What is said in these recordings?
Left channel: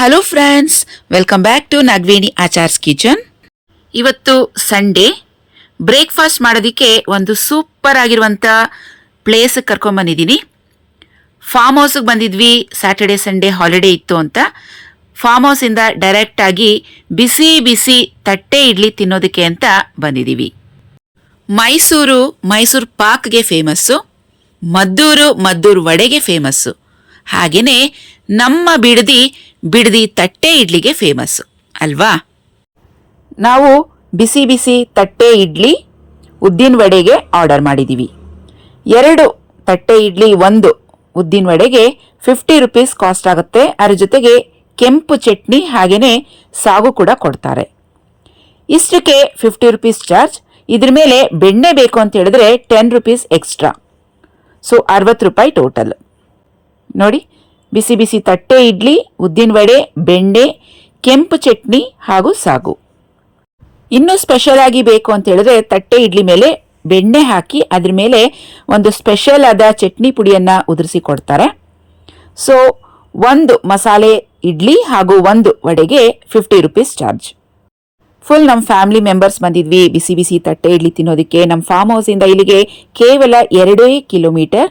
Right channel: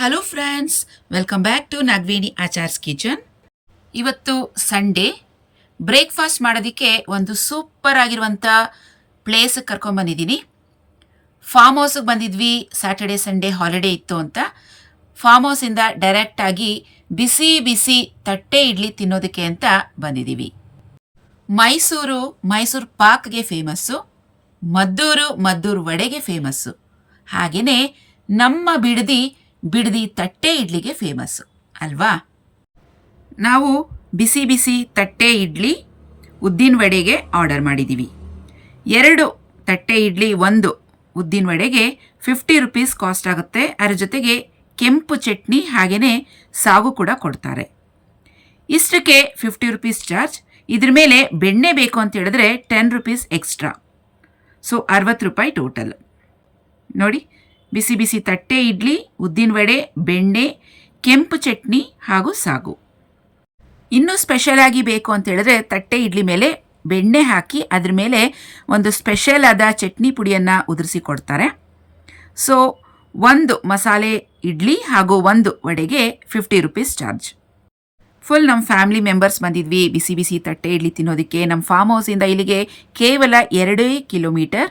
Hello friends, welcome back to Nagaveni Achar's kitchen. ಇವತ್ತು Sunday, breakfast ಮಾಡೋದಕ್ಕೆ ಒಂದು ಸೂಪರ್ ಆಗಿರುವಂಥ ಪ್ಲೇಸಿಗೆ ಕರ್ಕೊಂಬಂದಿದ್ದೀನಿ. ಫಾರ್ಮ್ ಹೌಸಿಗೆ ಬಂದಿದ್ವಿ. ಸ್ಯಾಟರ್ಡೆ ಸಂಡೇ ಹಾಲಿಡೇ ಇತ್ತು ಅಂತ ಫಾರ್ಮ್ ಹೌಸಿಂದ ಡೈರೆಕ್ಟಾಗಿ ಬಿಸಿ ಬಿಸಿ ತಟ್ಟೆ ಇಡ್ಲಿ ತಿನ್ನೋದಕ್ಕೆ ಅಂತ ಬಂದಿದ್ದೀವಿ. ಮೈಸೂರು ಪಾಕ್ಗೆ ಫೇಮಸ್ಸು, ಮದ್ದೂರು ವಡೆಗೆ ಫೇಮಸ್ಸು. ಹಾಗೆಯೇ ನಮ್ಮ ಬಿಡದಿ ತಟ್ಟೆ ಇಡ್ಲಿಗೆ ಫೇಮಸ್ಸು ಅಲ್ವಾ. ನಾವು ಬಿಸಿ ಬಿಸಿ ತಟ್ಟೆ ಇಡ್ಲಿ, ಉದ್ದಿನ ವಡೆಗೆ ಆರ್ಡರ್ ಮಾಡಿದ್ದೀವಿ. 2 ತಟ್ಟೆ ಇಡ್ಲಿ, 1 ಉದ್ದಿನ ವಡೆಗೆ 50 ರೂಪೀಸ್ ಕಾಸ್ಟ್ ಆಗುತ್ತೆ. ಅದರ ಜೊತೆಗೆ ಕೆಂಪು ಚಟ್ನಿ ಹಾಗೆಯೇ ಸಾಗು ಕೂಡ ಕೊಡ್ತಾರೆ. ಇಷ್ಟಕ್ಕೆ 50 ರೂಪೀಸ್ ಚಾರ್ಜ್. ಇದ್ರ ಮೇಲೆ ಬೆಣ್ಣೆ ಬೇಕು ಅಂತ ಹೇಳಿದ್ರೆ 10 ರೂಪೀಸ್ ಎಕ್ಸ್ಟ್ರಾ. ಸೊ 60 ರೂಪಾಯಿ ಟೋಟಲ್. ನೋಡಿ, ಬಿಸಿ ಬಿಸಿ ತಟ್ಟೆ ಇಡ್ಲಿ, ಉದ್ದಿನ ವಡೆ, ಬೆಣ್ಣೆ, ಕೆಂಪು ಚಟ್ನಿ ಹಾಗೂ ಸಾಗು. ಇನ್ನೂ ಸ್ಪೆಷಲ್ ಆಗಿ ಬೇಕು ಅಂತ ಹೇಳಿದ್ರೆ ತಟ್ಟೆ ಇಡ್ಲಿ ಮೇಲೆ ಬೆಣ್ಣೆ ಹಾಕಿ ಅದ್ರ ಮೇಲೆ ಒಂದು ಸ್ಪೆಷಲ್ ಆದ ಚಟ್ನಿ ಪುಡಿಯನ್ನು ಉದುರಿಸಿ ಕೊಡ್ತಾರೆ. ಸೊ 1 ಮಸಾಲೆ ಇಡ್ಲಿ ಹಾಗೂ 1 ವಡೆಗೆ 50 ರೂಪೀಸ್ ಚಾರ್ಜ್. ಫುಲ್ ನಮ್ಮ ಫ್ಯಾಮಿಲಿ ಮೆಂಬರ್ಸ್ ಬಂದಿದ್ವಿ ಬಿಸಿ ಬಿಸಿ ತಟ್ಟೆ ಇಡ್ಲಿ ತಿನ್ನೋದಕ್ಕೆ. ನಮ್ಮ ಫಾರ್ಮ್ ಹೌಸಿಂದ ಇಲ್ಲಿಗೆ ಕೇವಲ 2 ಕಿಲೋಮೀಟರ್.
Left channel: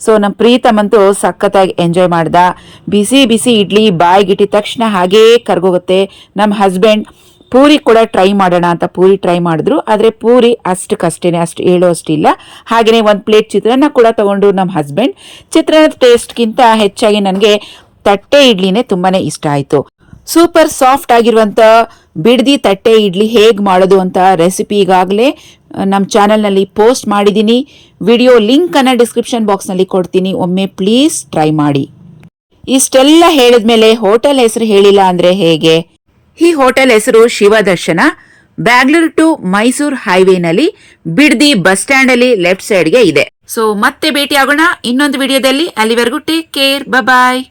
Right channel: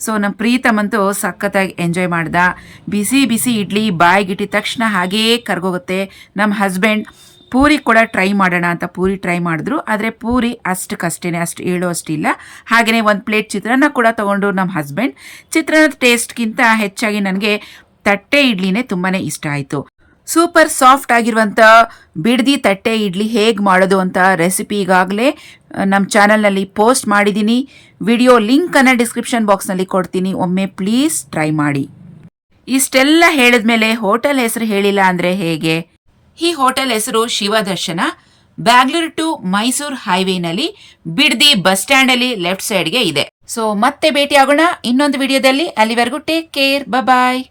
ಸೊ ನಮ್ಮ ಪ್ರೀತಮಂತೂ ಸಖತ್ತಾಗಿ ಎಂಜಾಯ್ ಮಾಡ್ದ. ಬಿಸಿ ಬಿಸಿ ಇಡ್ಲಿ ಬಾಯಿಗಿಟ್ಟಿದ ತಕ್ಷಣ ಹಾಗೇ ಕರ್ಗೋಗುತ್ತೆ. ನಮ್ಮ ಹಸ್ಬೆಂಡ್ ಪೂರಿ ಕೂಡ ಟ್ರೈ ಮಾಡೋಣ ಅಂತ ಪೂರಿ ಟ್ರೈ ಮಾಡಿದ್ರು. ಆದರೆ ಪೂರಿ ಅಷ್ಟೇ ಹೇಳೋ ಅಷ್ಟಿಲ್ಲ. ಹಾಗೆಯೇ 1 ಪ್ಲೇಟ್ ಚಿತ್ರಾನ್ನ ಕೂಡ ತೊಗೊಂಡ್ರು ನಮ್ಮ ಹಸ್ಬೆಂಡ್. ಚಿತ್ರಾನ್ನದ ಟೇಸ್ಟ್ಗಿಂತ ಹೆಚ್ಚಾಗಿ ನನಗೆ ತಟ್ಟೆ ಇಡ್ಲಿನೇ ತುಂಬಾ ಇಷ್ಟ ಆಯಿತು. ಸೂಪರ್ ಸಾಫ್ಟ್ ಆಗಿರುವಂಥ ಬಿಡದಿ ತಟ್ಟೆ ಇಡ್ಲಿ ಹೇಗೆ ಮಾಡೋದು ಅಂತ ರೆಸಿಪಿ ಈಗಾಗಲೇ ನಮ್ಮ ಚಾನಲ್ನಲ್ಲಿ ಪೋಸ್ಟ್ ಮಾಡಿದ್ದೀನಿ. ವಿಡಿಯೋ ಲಿಂಕನ್ನು ಡಿಸ್ಕ್ರಿಪ್ಷನ್ ಬಾಕ್ಸ್ನಲ್ಲಿ ಕೊಡ್ತೀನಿ, ಒಮ್ಮೆ ಪ್ಲೀಸ್ ಟ್ರೈ ಮಾಡಿ. ಇಷ್ಟೆಲ್ಲ ಹೇಳಿದ್ಮೇಲೆ ಹೋಟೆಲ್ ಹೆಸರು ಹೇಳಿಲ್ಲ ಅಂದರೆ ಹೇಗೆ? ಈ ಹೋಟೆಲ್ ಹೆಸರು ಶಿವದರ್ಶನ. ಬ್ಯಾಂಗ್ಳೂರು ಟು ಮೈಸೂರು ಹೈವೇನಲ್ಲಿ ಬಿಡದಿ ಬಸ್ ಸ್ಟ್ಯಾಂಡಲ್ಲಿ ಲೆಫ್ಟ್ ಸೈಡ್ಗೆ ಇದೆ. ಸೊ ಮತ್ತೆ ಭೇಟಿ ಆಗೋಣ ಇನ್ನೊಂದು ವಿಡಿಯೋದಲ್ಲಿ. ಅಲ್ಲಿವರೆಗೂ ಟೇಕ್ ಕೇರ್, ಬಾಯ್.